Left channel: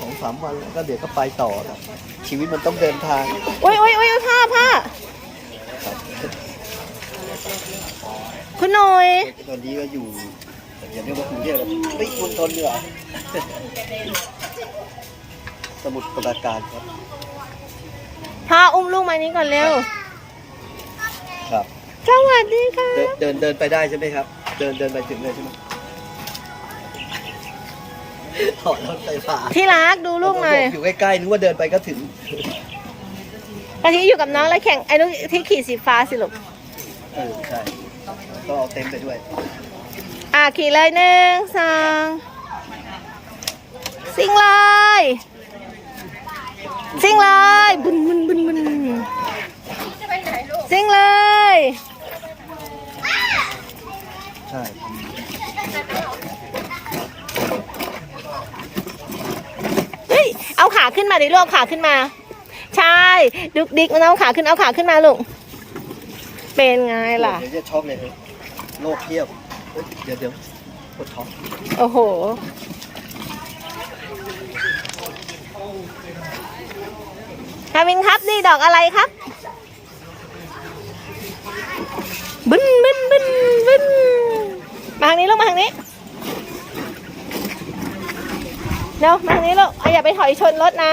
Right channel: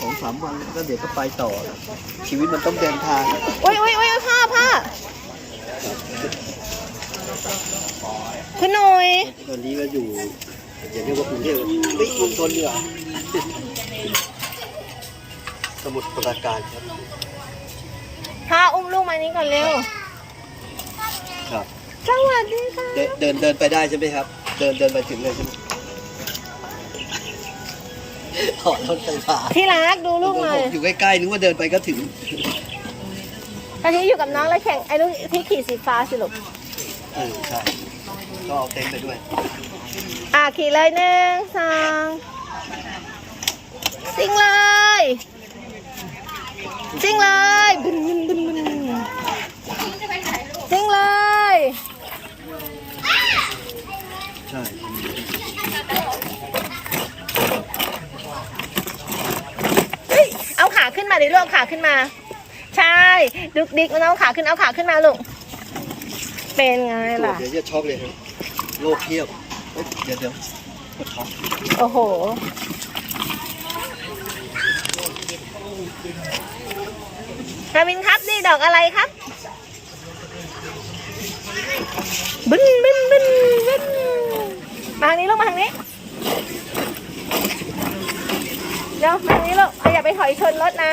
สองสามวันก็เดี๋ยวก็ไปต่อแล้วชีวิตมันต้องเดินทางโอ้ยโอ้ยโอ้ยผ้าผ้าคุณหน่อย วันนี้ก็อยู่อย่าเรียกว่ากรุงเทพไม่กรุงทนดีกว่าสมุทรปราการครับพาอุ้มลูกมานี้ก่อนเร็ว ครับ สวัสดีค่ะ เดินเดินเดินไปได้ใช่ไหมครับ เดินเดินไปถึงเลยใช่ไหม ถอดรถไฟฟ้าที่รักดูลูกหน่อยอยู่ใกล้ๆนึกว่าเดินไปก็ถึงตอนนี้อยู่กับน้องแล้วแข่งไอ้นุกที่ขี่สีฟ้าสิลูกเออใช่ก็เอาเต็นท์ไปด้วย อะขี่เลยหนึ่งสองซิ่งเลยซิ่งเลยบึนบึนบึนบึนซิ่งเลย ใช่ เฮ้ย เอาขาขึ้นมาดิลูกเอาขาขึ้นมา ใช่ ดุกดิกมันเอาขาขึ้นเอาขาขึ้นมาลูก เป็นไงล่ะ เดี๋ยวจะช็อกเลยครับโลกเพียบเอ้ยเดี๋ยวเดี๋ยวปวดท้องโอ้โหกามินครับนี่ดอกอะไรครับ บึ้นบึ้นบึ้นบึ้นมาทางนี้ลูกมาทางนี้ เดี๋ยวมาทางนี้ลูกเอาอย่าไปถอยชนรถนะ